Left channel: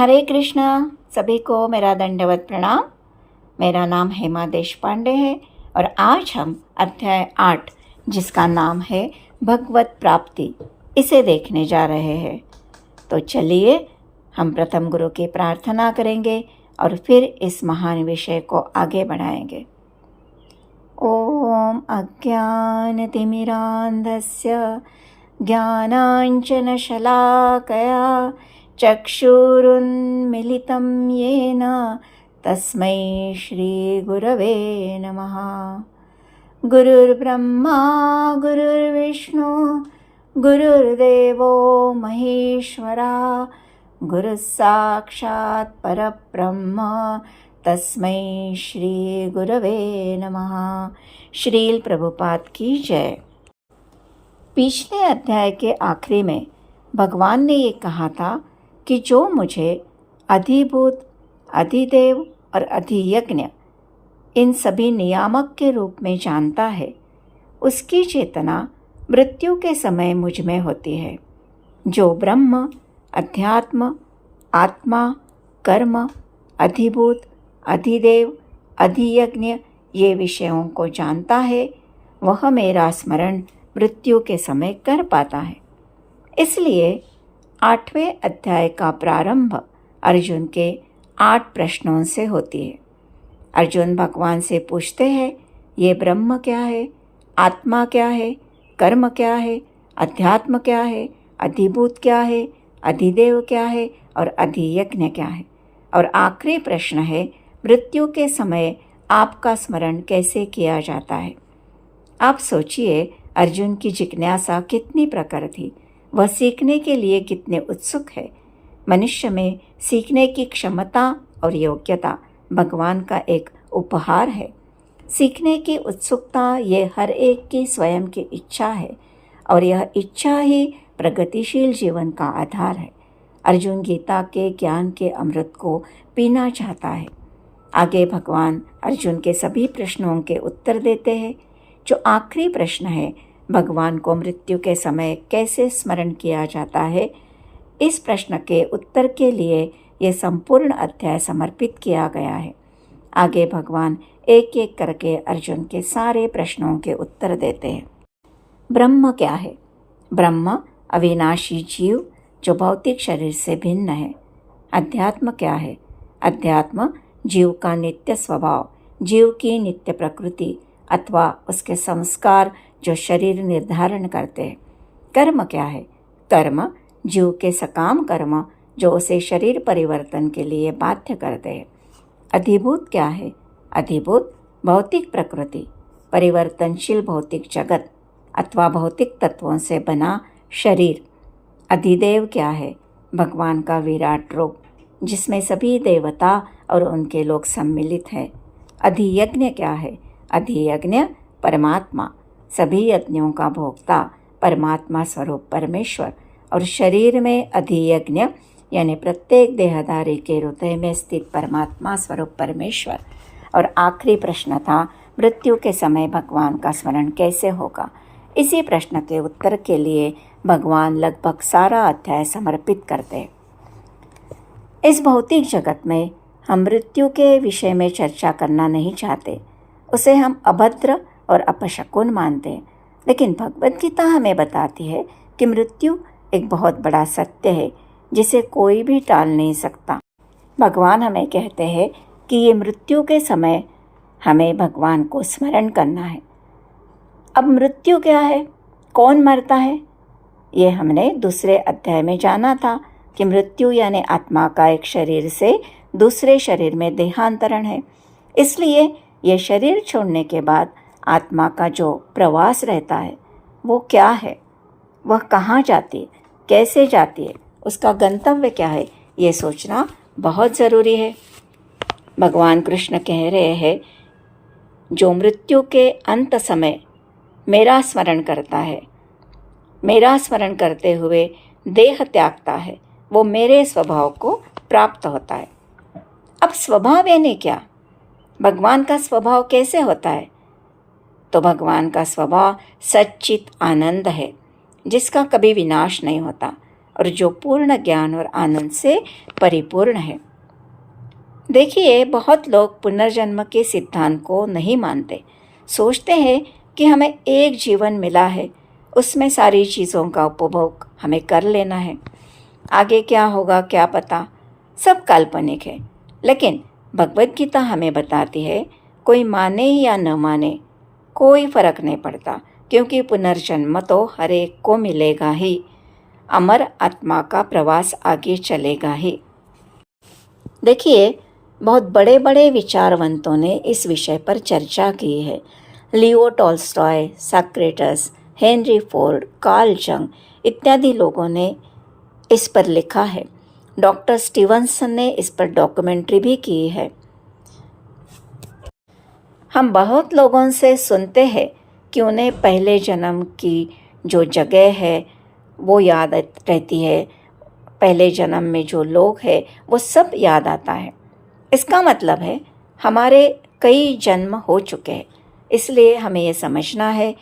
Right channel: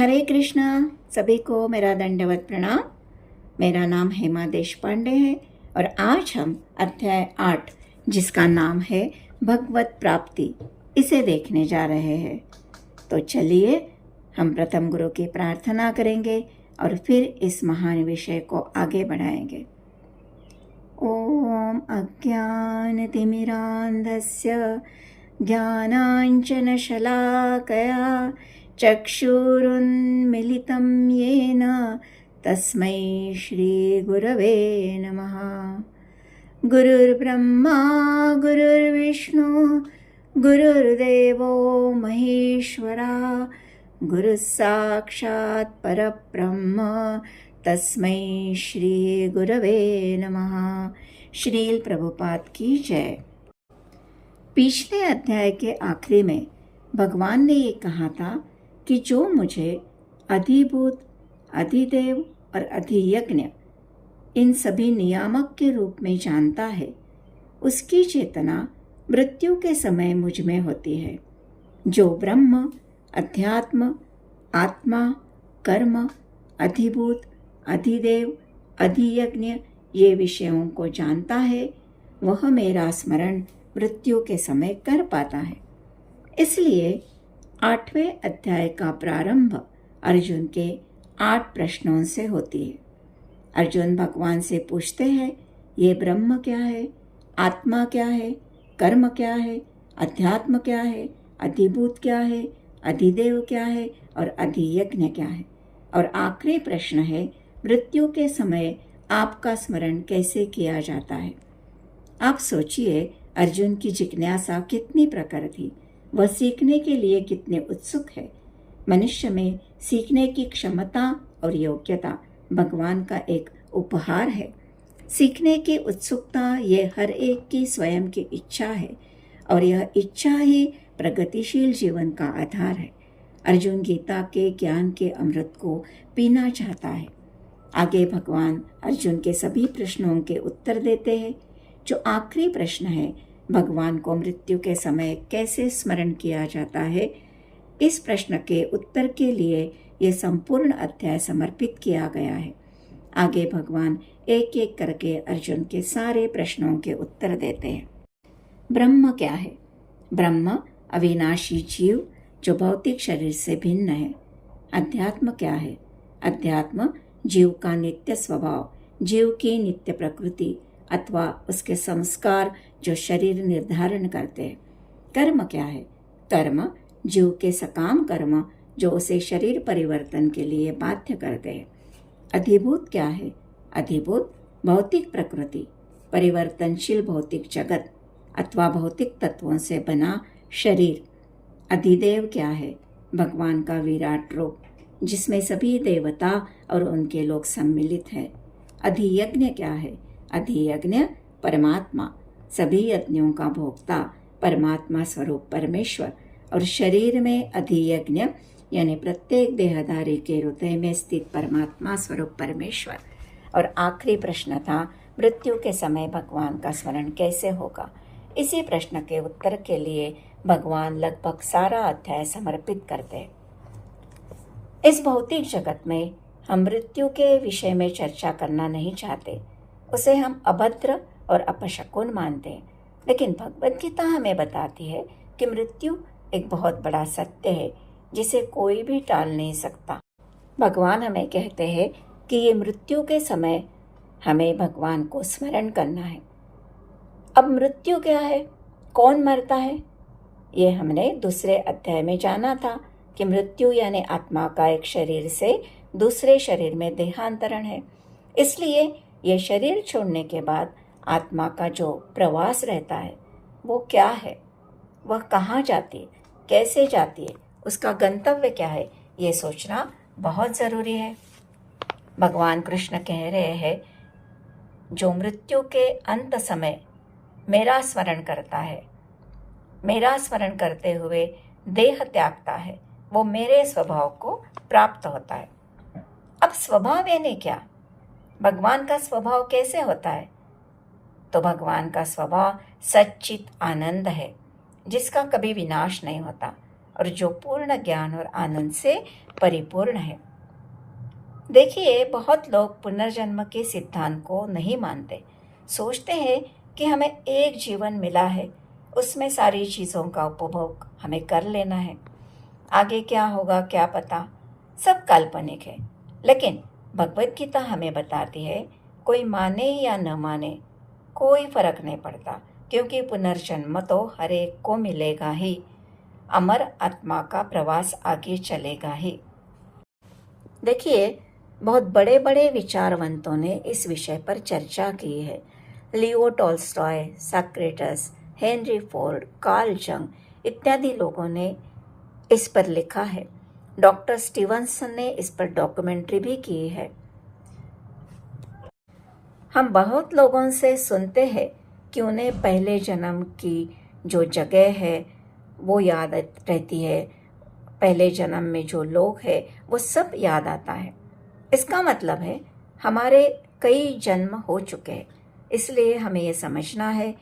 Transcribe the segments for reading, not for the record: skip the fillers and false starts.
हरे कृष्णा। सभी को मेरा दंडवत प्रणाम। मेरा नाम हेमा देशपांडे है और आज हम अध्याय 8 जिसका नाम है भगवत प्राप्ति, इसे देखने जा रहे हैं। तो चलिए हम प्रथम गुरु की प्रार्थना करेंगे और फिर इस महान विषय को आगे बढ़ाएंगे। ओम अज्ञानतिमिरान्धस्य ज्ञानाञ्जनशलाकया चक्षुरुन्मिलितं येन तस्मै श्रीगुरवे नमः। गुरुर्ब्रह्मा गुरुर्विष्णु गुरुर्देवो महेश्वरा, गुरुः साक्षात् परब्रह्म तस्मै श्रीगुरवे नमः। श्रील प्रभुपाद की जय। पिछले अध्याय के आखिरी में भगवान ने ये कहा था कि जो मुझे अधिभूत, अधिदेव और अधियज्ञ इन सभी नियामक के रूप में जानता है, उसकी चेतना मृत्यु के समय मुझ में होती है। जो ब्रह्म, अध्यात्म, आत्मा, कर्म, अधिभूत, अधिदेव, अधियज्ञ ये विषयों को जानता है, वह मेरा स्मरण मृत्यु के समय कर पाता है। इसलिए 8वें अध्याय का प्रारंभ अर्जुन के 8 प्रश्नों से होती है। अर्जुन भगवान से पूछते हैं, ये ब्रह्म क्या है, आत्मा क्या है, कर्म क्या है, अध्यात्म क्या है, अधिभूत क्या है, अधिदेव क्या है और अधियज्ञ क्या है। और आखिरी प्रश्न है, मृत्यु के समय आपका स्मरण कैसे किया जाता है। आप सोचिए, अर्जुन की जिज्ञासा कितनी प्रखर थी, वह सीखने के लिए कितने उत्सुक है। मनुष्य में सीखने की क्षमता और योग्यता भगवान का एक उपहार है। सीखने की उत्सुकता ये हर एक की स्वयं की इच्छा है और यह इच्छा ही प्रगतिशील जीवन का आधार है। अर्जुन गीता के ज्ञान के अमृत को पीना चाहता है। आगे भगवान अर्जुन के सभी प्रश्नों के उत्तर देते हैं। जो आखिरी प्रश्न है, भगवान को मृत्यु के समय कैसे स्मरण किया जाता है, इस प्रश्न के उत्तर के लिए यह संपूर्ण अध्याय समर्पित किया गया है। आगे भगवान एक एक करके अर्जुन के सारे प्रश्नों के उत्तर देते हैं। ब्रह्म क्या है? ब्रह्म अविनाशी जीव जो भौतिक शरीर से भिन्न है। अध्यात्म क्या है? अध्यात्म जीव का नित्य स्वभाव, जीव की नित्य प्रकृति अथवा उसके संस्कार जो शरीर निर्धारण करते हैं। कर्म क्या है? कर्म जीव के सकाम कर्म जो उसे शरीर परिवर्तन के लिए बाध्य करते हैं। अधिभूत क्या है? अधिभूत भौतिक प्रकृति, परिवर्तनशील भौतिक जगत अथवा भौतिक तत्वों से बना शरीर। अधिदेव क्या है? भगवान का विराट रूप जिसमें सभी देवता और उनके लोग सम्मिलित हैं। अधियज्ञ क्या है? अधियज्ञ परमात्मा, सभी यज्ञों का भोक्ता, परमात्मा स्वरूप परमेश्वर। और शरीर में अधियज्ञ यानी प्रत्येक देहधारी के हृदय में स्थित परमात्मा स्वरूप परमेश्वर। और आखिरी प्रश्न था, मृत्यु के समय भगवान का स्मरण कैसे होगा। इसी प्रश्न के उत्तर के लिए भगवान लगभग सारा अध्याय समर्पित करते हैं। इस भौतिक जगत में हम मृत्यु के विषय में चर्चा करना नहीं चाहते, उसे हम अभद्र और अपशकुन मानते हैं। लेकिन भगवद गीता हमें बताती है कि मृत्यु एक बहुत बड़ा सत्य है जिसे कोई भी टाल नहीं सकता। भगवान हमें कहते हैं कि ये मृत्यु के समय हमें भगवान को स्मरण करना है। अब मृत्यु क्या है, कौन मरता है, ये हमने दूसरे अध्याय में जाना था कि मृत्यु यानी आत्मा का एक शरीर से दूसरे शरीर में देहांतरण है। इसलिए ये शरीर छोड़ने के बाद आत्मा का जो प्रवास रहता है वो क्या है, वह कहाँ जाती है, कैसे जाती है, उसका गंतव्य क्या है, ये सोचना बहुत ज़रूरी है। भगवान कृष्ण कह रहे हैं, जो मृत्यु के अंत समय मेरा स्मरण करता है, मेरा स्मरण करते हुए देह त्यागता है, वो मेरे स्वभाव को प्राप्त होता है। अब स्वभाव यानी क्या? भगवान का स्वभाव कैसे होता है? तो भगवान का स्वभाव सच्चित आनंद है जिसका कभी विनाश नहीं होता और जो पूर्ण ज्ञान और आनंद से परिपूर्ण है। देखिए, बहुत लोग पुनर्जन्म के सिद्धांत को नहीं मानते। सोचते हैं कि हमें एक जीवन मिला है, उसमें सारी चीज़ों का उपभोग हमें कर लेना है, आगे क्या होगा क्या पता, सब काल्पनिक है। लेकिन भगवत गीता हमें बताती है, कोई माने या न माने कोई फर्क नहीं पड़ता, क्योंकि पुनर्जन्म तो हर एक को मिलेगा ही। अमर आत्मा का प्रवास आगे चलेगा ही। देखिए, बहुत बड़े बड़े विचारवंतों ने इस विषय पर चर्चा की है। Leo Tolstoy, Socrates, Henry Ford, Carl Jung इत्यादि लोगों ने इस पर लिखा है। डॉक्टर स्टीवनसन ने इस पर डॉक्यूमेंट्री भी की है। हम बहुत लोगों से सुनते हैं कि उन्हें पहले जन्म की जो जगह है वो याद रहती है, पहले जन्म में जो लोग हैं वो सब याद आता है। इसका मतलब है हमारे कई जन्म हो चुके हैं। इसलिए हमें ये समझना है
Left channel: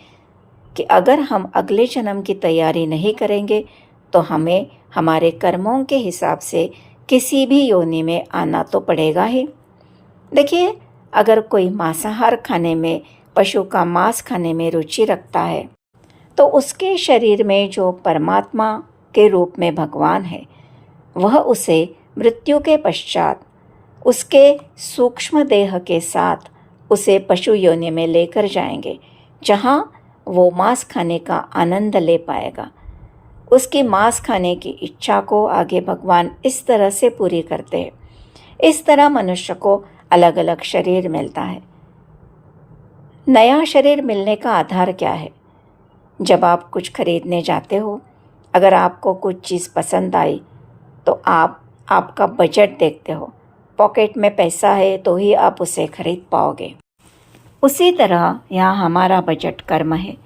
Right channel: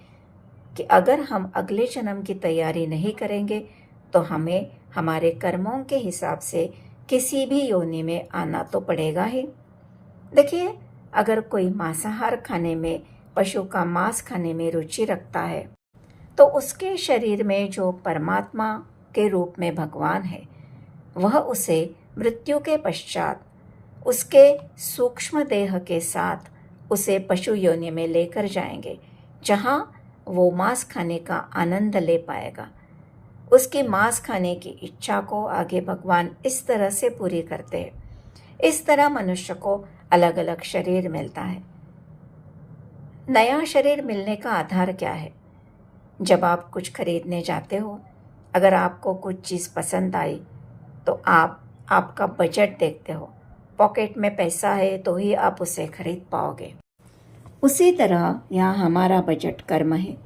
कि अगर हम अगले जन्म की तैयारी नहीं करेंगे तो हमें हमारे कर्मों के हिसाब से किसी भी योनि में आना तो पड़ेगा ही। देखिए, अगर कोई मांसाहार खाने में, पशु का मांस खाने में रुचि रखता है तो उसके शरीर में जो परमात्मा के रूप में भगवान है वह उसे मृत्यु के पश्चात उसके सूक्ष्म देह के साथ उसे पशु योनि में लेकर जाएंगे, जहाँ वो मांस खाने का आनंद ले पाएगा। उसकी मांस खाने की इच्छा को आगे भगवान इस तरह से पूरी करते हैं। इस तरह मनुष्य को अलग अलग शरीर मिलता है। नया शरीर मिलने का आधार क्या है? जब आप कुछ खरीदने जाते हो, अगर आपको कुछ चीज़ पसंद आई तो आप आपका बजट देखते हो। पॉकेट में पैसा है तो ही आप उसे खरीद पाओगे। उसी तरह यहाँ हमारा बजट कर्म है।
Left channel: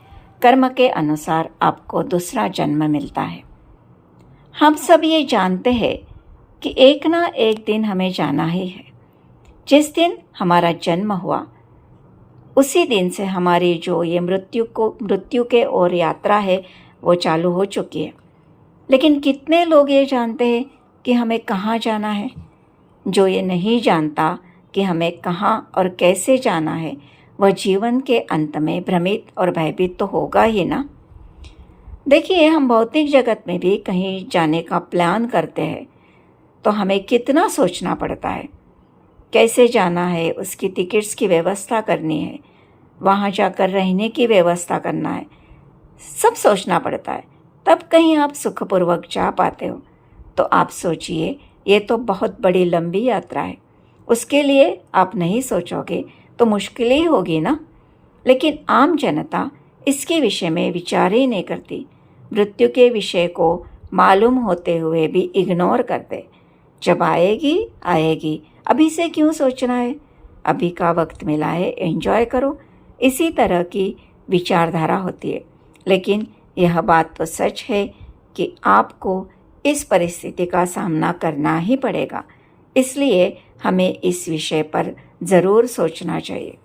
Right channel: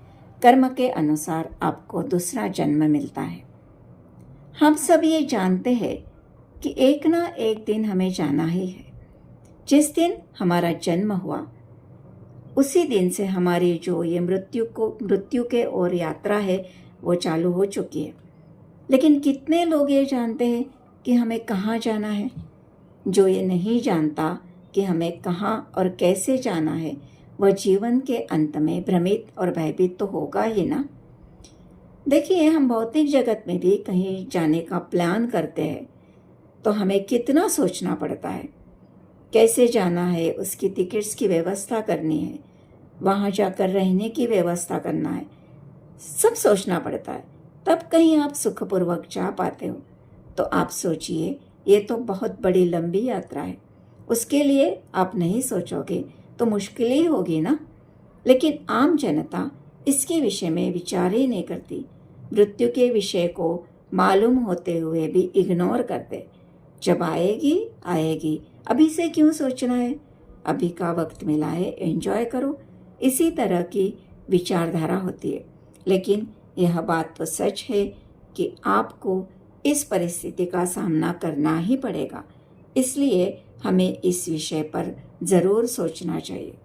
कर्म के अनुसार आपको दूसरा जन्म मिलता है। हम सब ये जानते हैं कि एक ना एक दिन हमें जाना ही है। जिस दिन हमारा जन्म हुआ उसी दिन से हमारी जो ये मृत्यु के ओर यात्रा है वो चालू हो चुकी है। लेकिन कितने लोग ये जानते हैं कि हमें कहाँ जाना है? जो ये नहीं जानता कि हमें कहाँ और कैसे जाना है, वह जीवन के अंत में भ्रमित और भयभीत तो होगा ही ना। देखिए, हम भौतिक जगत में भी कहीं जाने का प्लान करते हैं तो हमें कितना सोचना पड़ता है। कैसे जाना है, उसकी टिकट्स की व्यवस्था करनी है, वहाँ जाकर रहने की व्यवस्था करना है, सब सोचना पड़ता है। तब कहीं आप सुखपूर्वक जा पाते हो। तो आप सोचिए, ये तो बहुत बड़ी लंबी यात्रा है। उसके लिए आप नहीं सोचोगे तो मुश्किल ही होगी ना। लेकिन आम जनता इसके विषय में विचार ही नहीं करती। मृत्यु के विषय को मालूम होते हुए भी इग्नोर करते। जब आएगी आएगी, अभी से क्यों सोचना है? अभी का वक्त मिला है, एंजॉय करो। इसी तरह की विचारधारा होती है। लेकिन यह बात तो सच है कि आपको इस परिस्थिति का सामना करना ही पड़ेगा। इसलिए हमें इस विषय पर ज़रूर सोचना चाहिए।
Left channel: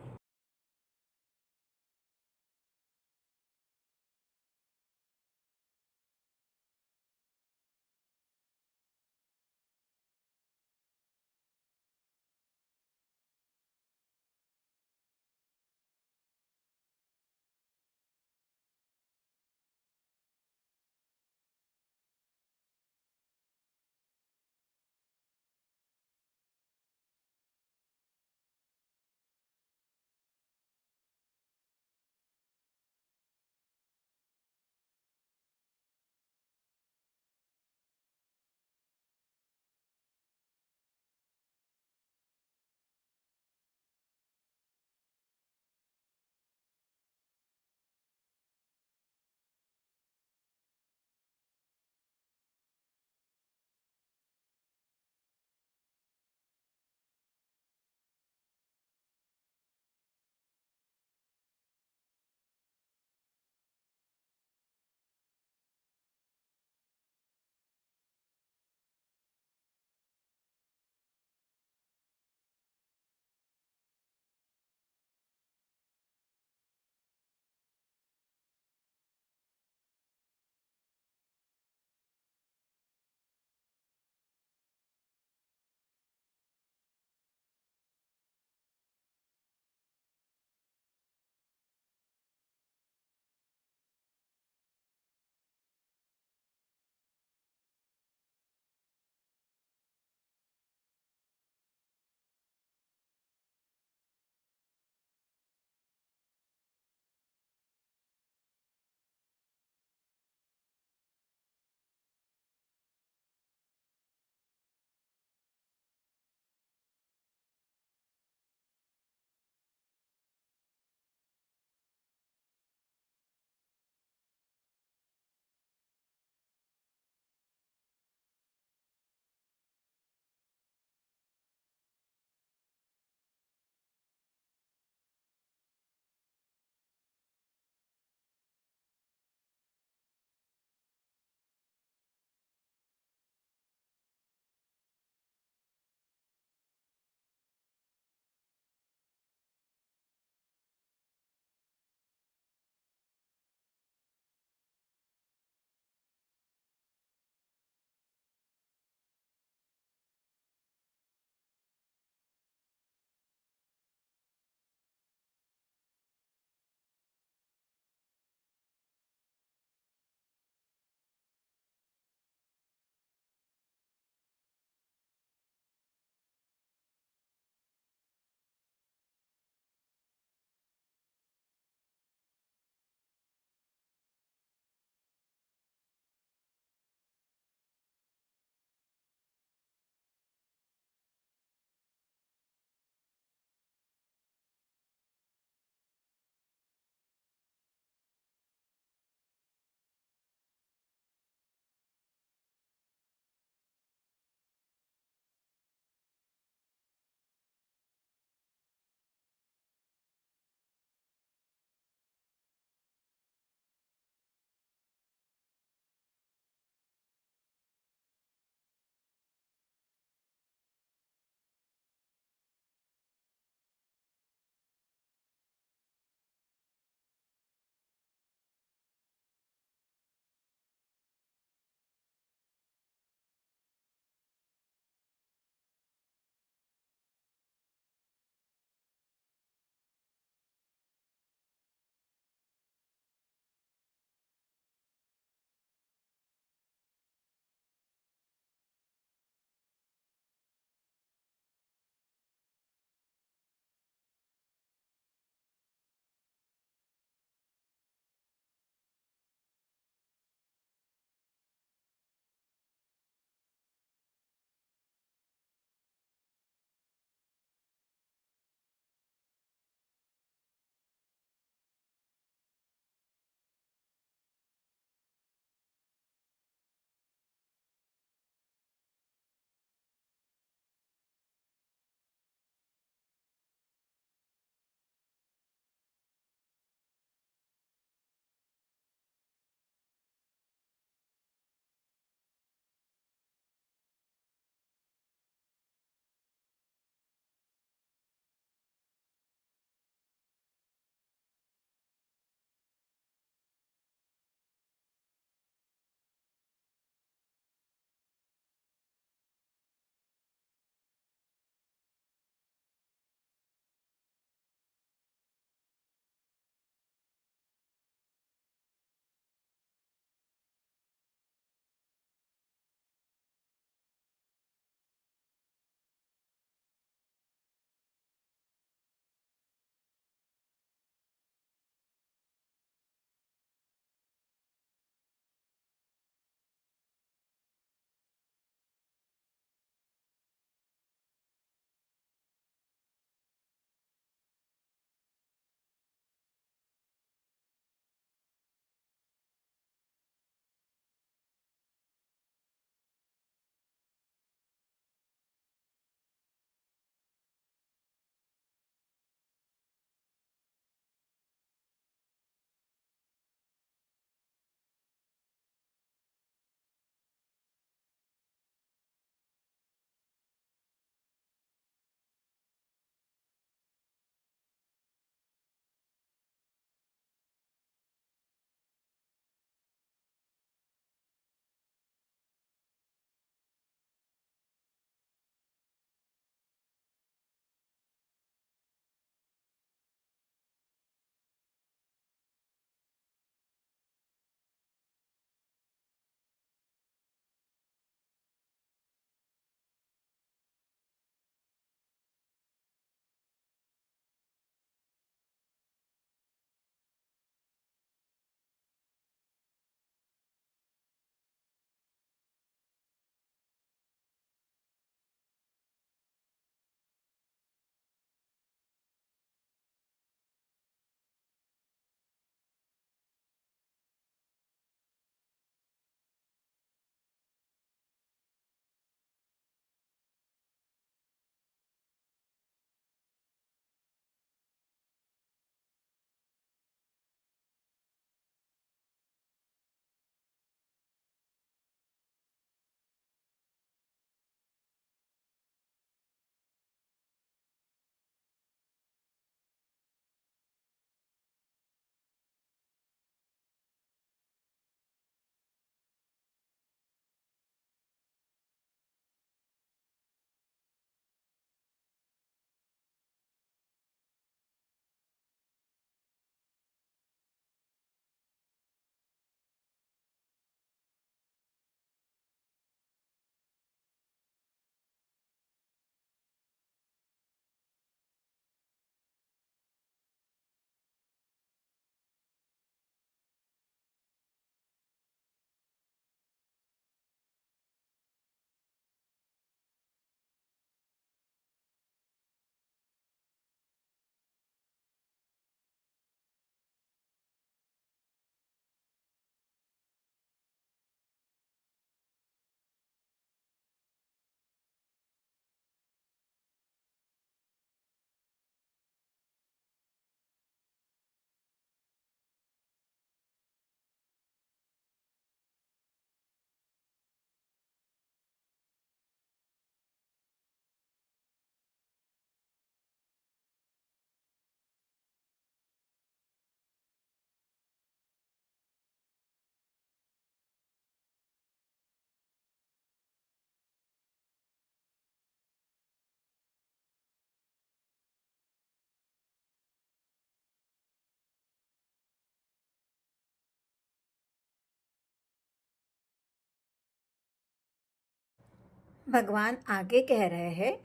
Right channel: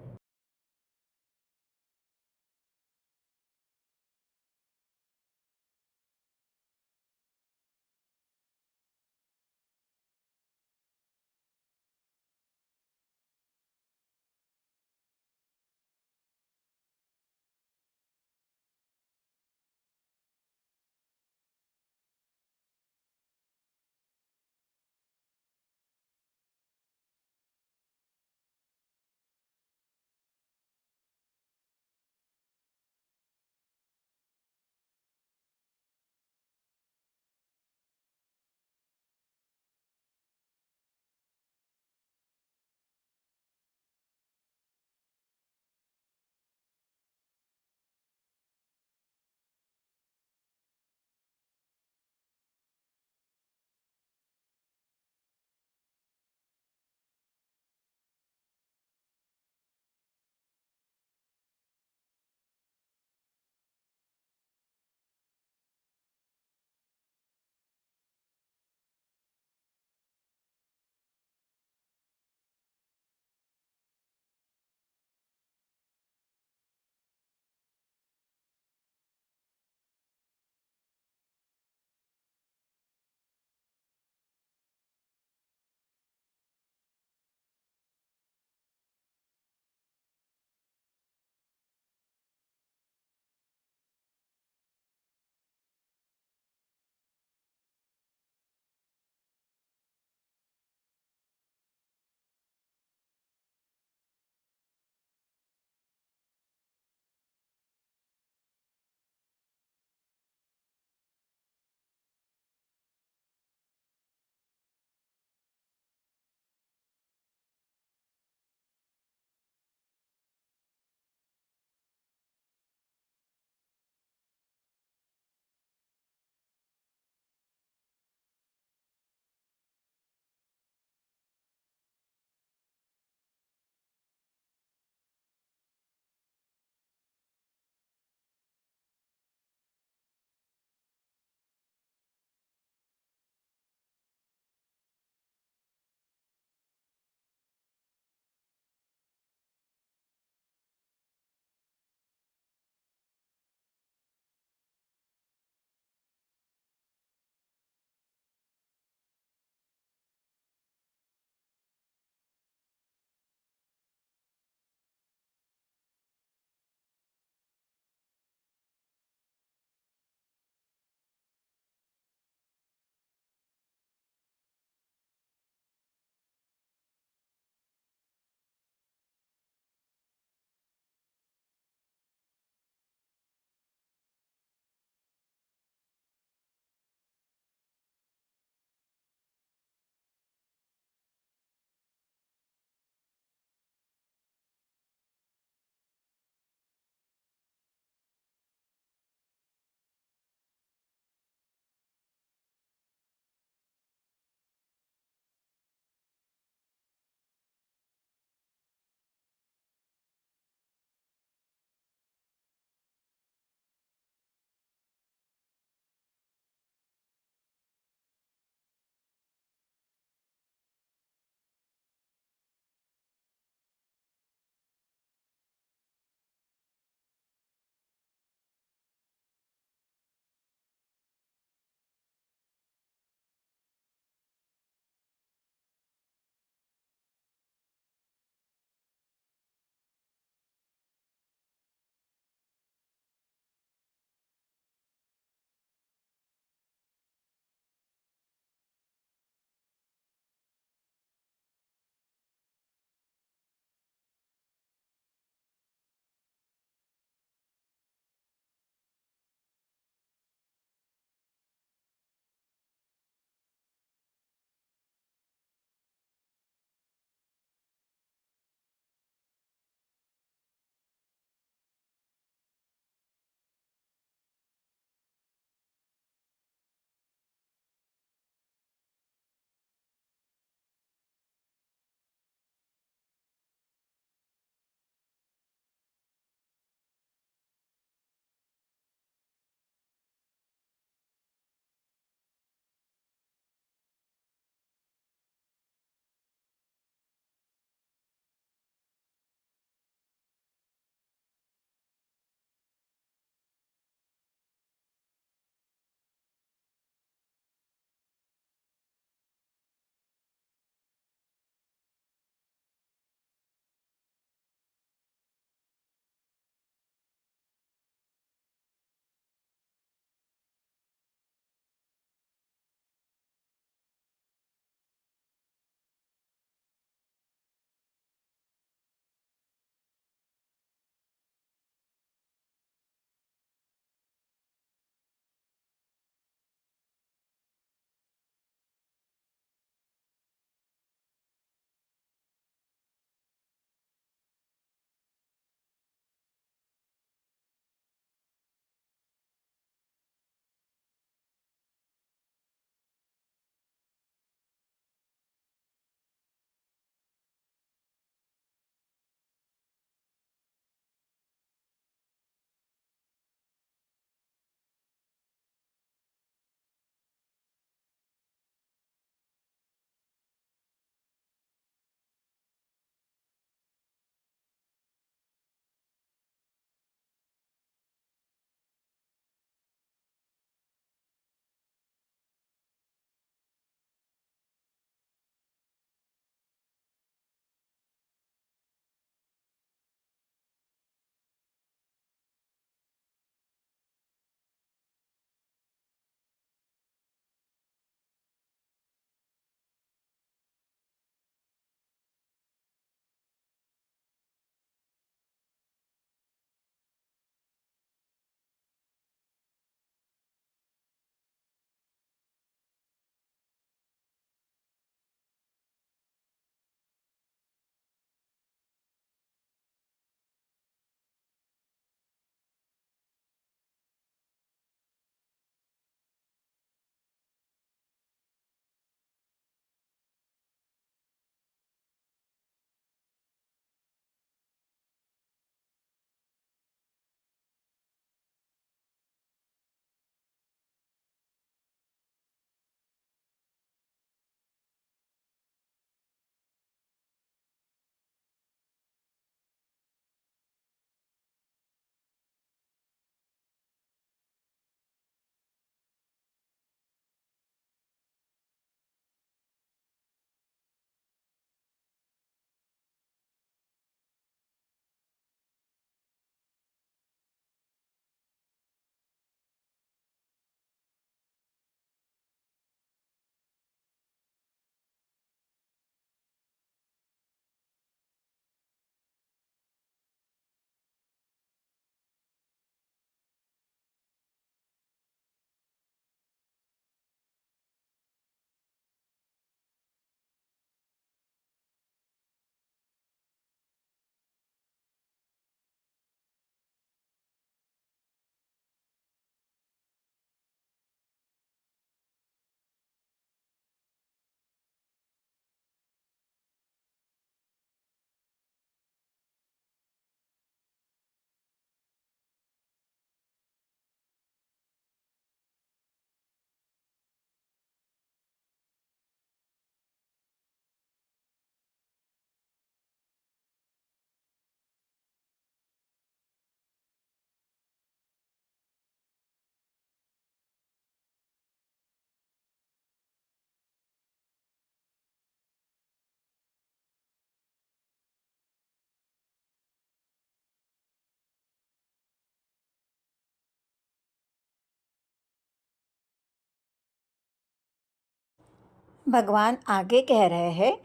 भगवान आगे कह रहे हैं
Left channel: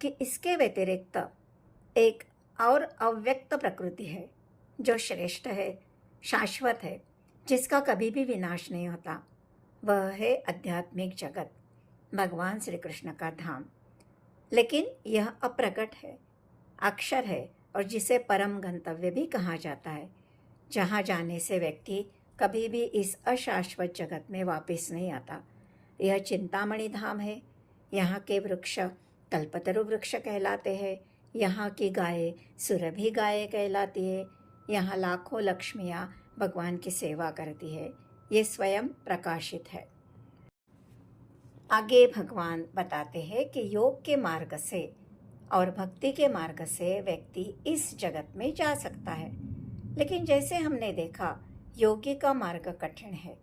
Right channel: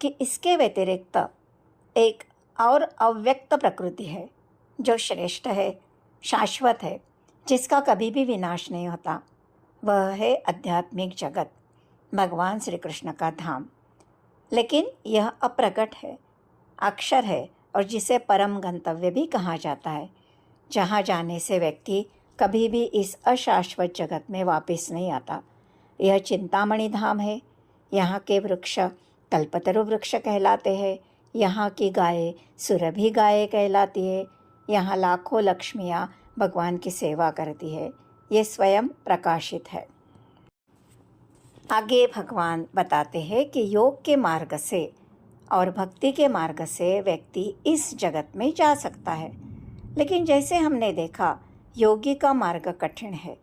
कि इसके व्यतिरिक्त एक और अव्यक्त प्रकृति है जो श्रेष्ठ है, शाश्वत है, जिसका कभी भी विनाश नहीं होता। वह है आध्यात्मिक जगत, भगवान श्री कृष्ण का धाम। लेकिन यह अप्रकट है, अक्षर है और जिसे परम गंतव्य भी कहा जाता है, जहाँ जाने से व्यक्ति कभी भी इस अशाश्वत जगत में वापस नहीं आता। यह चिंतामणि धाम है। यहाँ के वृक्ष कल्पतरु वृक्ष कहलाते हैं। यहाँ की गायें सुरभि गायें कहलाती है। यहाँ लाखों लक्ष्मियाँ भगवान की सेवा करती है। ये स्वयं प्रकाशित है। आगे भगवान बताते हैं कि योग के मार्ग से और भक्ति के मार्ग से व्यक्ति इस जगत में जा सकता है। लेकिन जैसे हमने देखा, योगी का मार्ग कठिन है।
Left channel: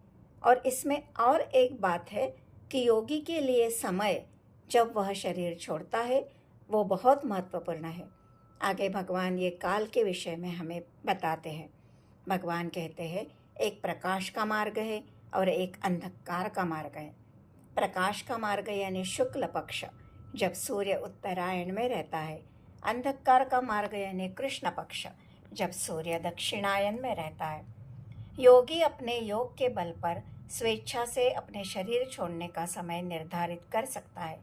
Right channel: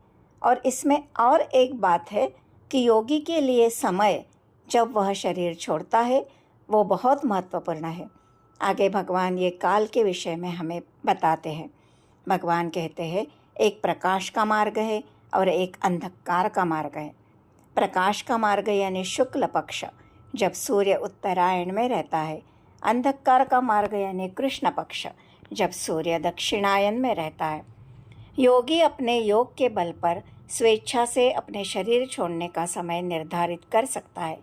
और इसमें और एक बात है कि योगी के लिए समय जब वह शरीर छोड़ता है वो बहुत महत्वपूर्ण है। आगे भगवान ये काल के विषय में हमें बताते हैं। भगवान कहते हैं एक प्रकाश का मार्ग है और एक अंधकार का मार्ग है। प्रकाश का मार्ग यानी शुक्ल पक्ष, जब सूर्य उत्तरायण में रहता है। अंधकार का मार्ग यानी कृष्ण पक्ष, जब सूर्य दक्षिणायन में रहता है। योगी अपने योग के बल पर स्वेच्छा से अपने शरीर छोड़ने का समय निर्धारित कर सकता है।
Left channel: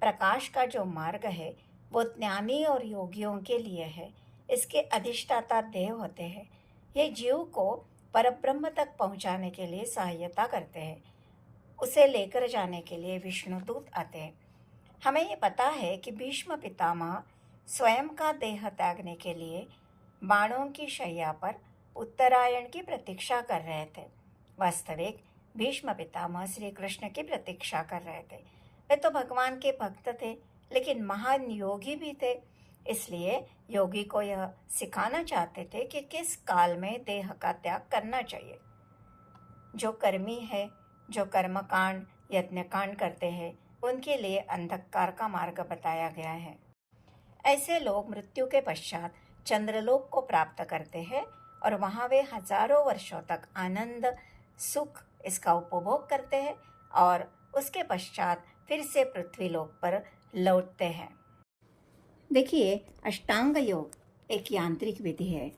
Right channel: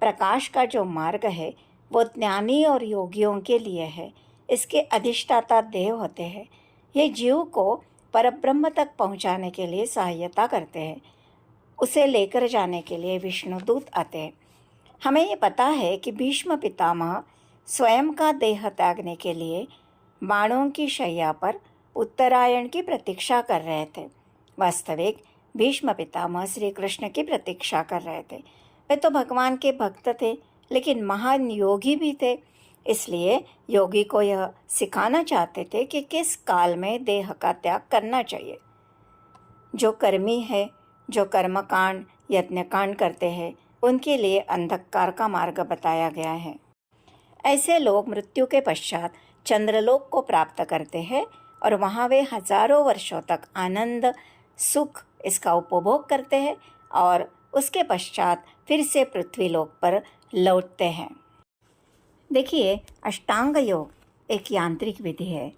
प्रकाश का जो मार्ग है वो ज्ञानी और योगियों के लिए है। इसके अधिष्ठाता देव होते हैं। ये जीव को परब्रह्म तक पहुंचाने के लिए सहायता करते हैं। उसे लेकर जाने के लिए विष्णुदूत आते हैं। हमें ये पता है कि भीष्म पितामह स्वयं का देह त्यागने के लिए बाणों की शैया पर उत्तरायण की प्रतीक्षा कर रहे थे। वास्तविक भीष्म पितामह श्री कृष्ण की प्रतीक्षा कर रहे थे। वे तो भगवान के भक्त थे, लेकिन महान योगी भी थे। इसलिए योगी को यह सिखाना चाहते थे कि किस काल में देह का त्याग करना चाहिए। जो कर्मी है, जो कर्मकांड यज्ञकांड करते हैं, उनके लिए अंधकार का मार्ग बताया गया है। ऐसे लोग मृत्यु के पश्चात चंद्रलोक को प्राप्त करते हैं और वहाँ वे हजारों वर्षों तक आनंद सुख इसका उपभोग करते हैं और उसके पश्चात फिर से पृथ्वी लोक पर लौटते हैं। देखिए, अष्टांग योग एक यांत्रिक विधि है।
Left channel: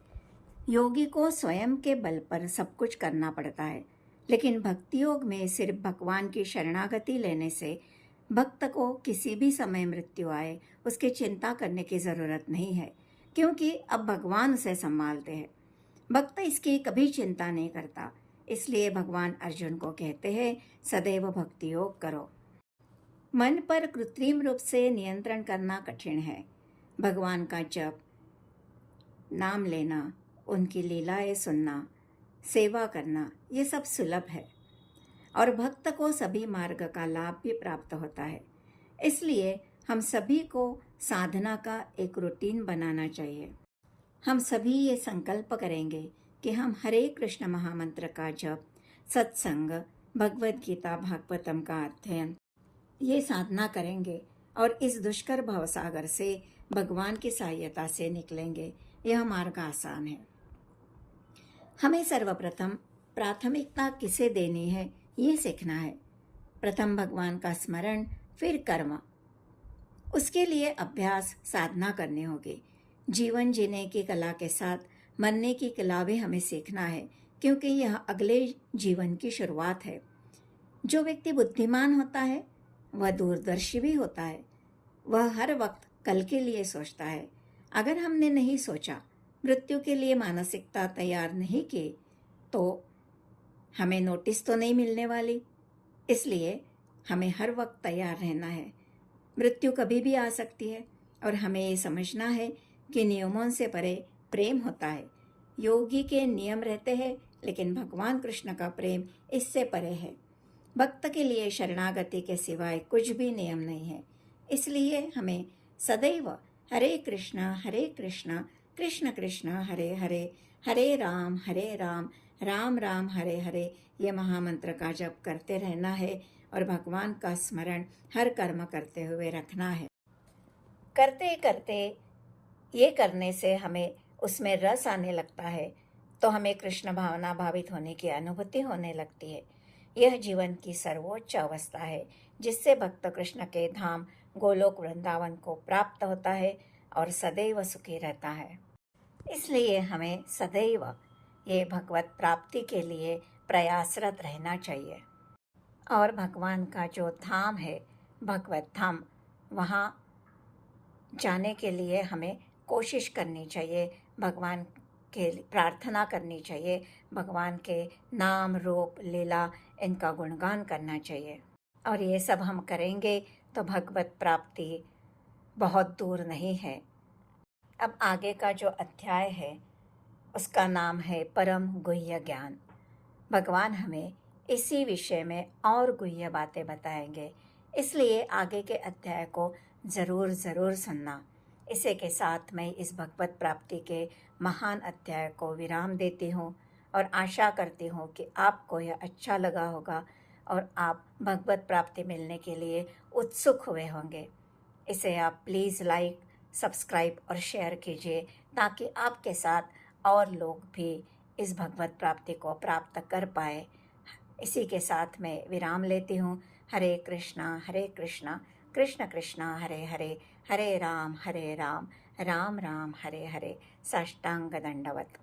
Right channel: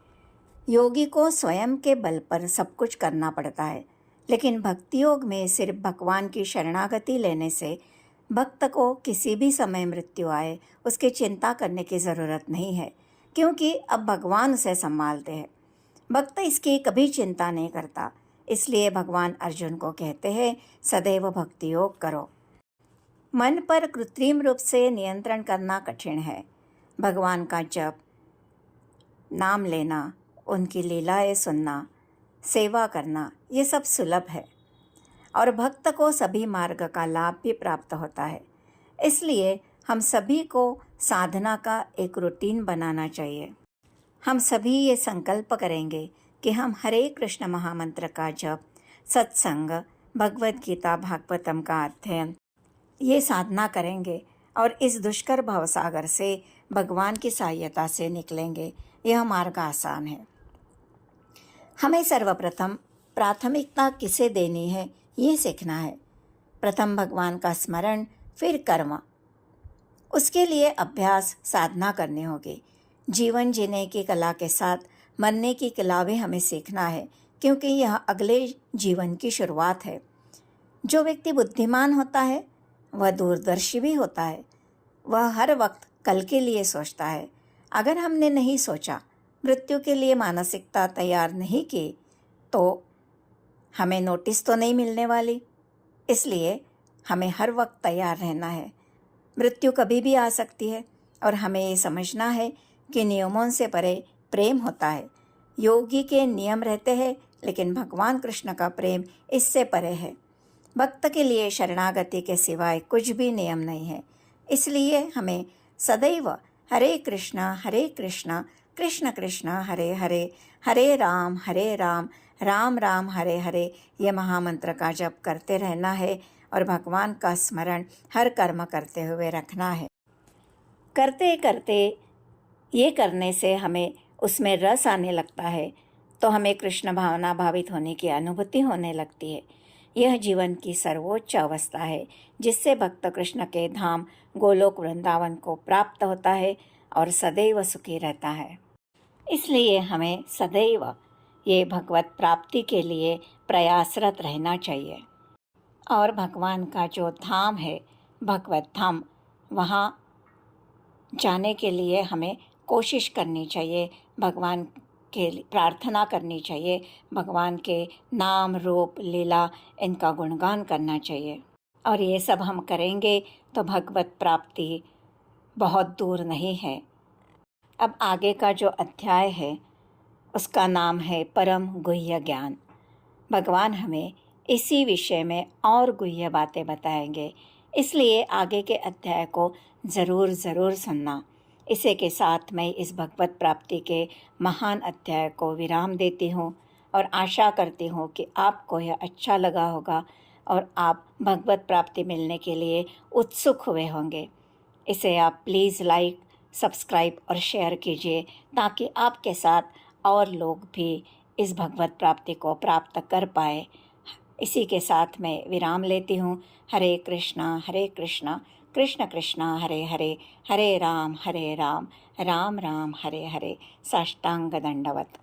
योगी को स्वयं के बल पर सब कुछ करना पड़ता है, लेकिन भक्ति योग में सिर्फ भगवान की शरणागति लेने से भक्त को किसी भी समय मृत्यु आए उसकी चिंता करने की ज़रूरत नहीं है, क्योंकि अब भगवान उसे संभालते हैं। भक्त इसकी कभी चिंता नहीं करता। इसलिए भगवान अर्जुन को कहते हैं सदैव भक्ति योग करो। मन पर कृत्रिम रूप से नियंत्रण करना कठिन है। भगवान का जप, नाम लेना, उनकी लीलाएं सुनना, सेवा करना, ये सब सुलभ है और भक्त को सभी मार्ग का लाभ भी प्राप्त होता है। इसलिए हम सभी को साधना का एक रूटीन बनाना चाहिए। हम सभी ये संकल्प करेंगे कि हम हरे कृष्ण महामंत्र का जप, सत्संग, भगवद गीता भागवतम का अध्ययन, ये साधना करेंगे और इस दुष्कर भवसागर से भगवान की सहायता से निकलेंगे। यह मार्ग आसान है। हमें सर्वप्रथम प्राथमिकता किसे देनी है ये सीखना है। प्रथम भगवान का स्मरण, फिर कर्म। उसके लिए अभ्यास, साधना करनी होगी। जीवन जीने की कला के साथ मरने की कला भी हमें सीखना है, क्योंकि यह अगले जीवन की शुरुआत है। जो व्यक्ति बुद्धिमान होता है वह दूरदर्शी भी होता है। वह हर वक्त कल के लिए सोचता है। अगर हमने नहीं सोचा, मृत्यु के लिए मानसिकता तैयार नहीं की, तो हमें नोटिस तो नहीं मिलने वाली। इसलिए हमें हर वक्त तैयार रहना है। मृत्यु कभी भी आ सकती है और हमें ये समझना है कि नियमों से परे प्रेम होता है। योगी के नियम रहते हैं, लेकिन भगवान कृष्ण का प्रेम इससे परे है। भक्त के लिए शरणागति के सिवाय कुछ भी नियम नहीं है। इसलिए हमें सदैव हरे कृष्णा कृष्ण कृष्ण हरे हरे, हरे राम राम राम हरे हरे, ये महामंत्र का जप करते रहना है और भगवान का स्मरण हर कर्म करते हुए रखना है। करते करते ये करने से हमें उसमें रस आने लगता है, तो हमें कृष्ण भावना भावित होने की अनुभूति होने लगती है। यह जीवन की सर्वोच्च अवस्था है जिससे भक्त कृष्ण के धाम गोलोक वृंदावन को प्राप्त होता है और सदैव सुखी रहता है। इसलिए हमें सदैव ये भगवत प्राप्ति के लिए प्रयासरत रहना चाहिए। और भगवान का जो धाम है भगवत धाम, वहाँ जाने के लिए हमें कोशिश करनी चाहिए, भगवान के प्रार्थना करनी चाहिए, भगवान के नाम रूप लीला इनका गुणगान करना चाहिए। और ये सब हम करेंगे तो भगवत प्राप्ति बहुत दूर नहीं है। अब आगे का जो अध्याय है उसका नाम है परम गुह्य ज्ञान। भगवान हमें इसी विषय में और गुह्य बातें बताएंगे, इसलिए आगे के अध्याय को ज़रूर सुनना। इसी के साथ मैं इस भगवत प्राप्ति के महान अध्याय को विराम देती हूँ और आशा करती हूँ कि आपको यह अच्छा लगा होगा और आप भगवत प्राप्ति मिलने के लिए उत्सुक हुए होंगे। इसे आप प्लीज़ लाइक, सब्सक्राइब और शेयर कीजिए ताकि आपके साथ और लोग भी इस भगवत प्राप्ति को प्राप्त कर पाए। इसी के साथ मैं विराम लेती हूँ। हरे कृष्णा कृष्ण कृष्णा हरे हरे, हरे राम राम राम हरे हरे। साष्टांग दंडवत।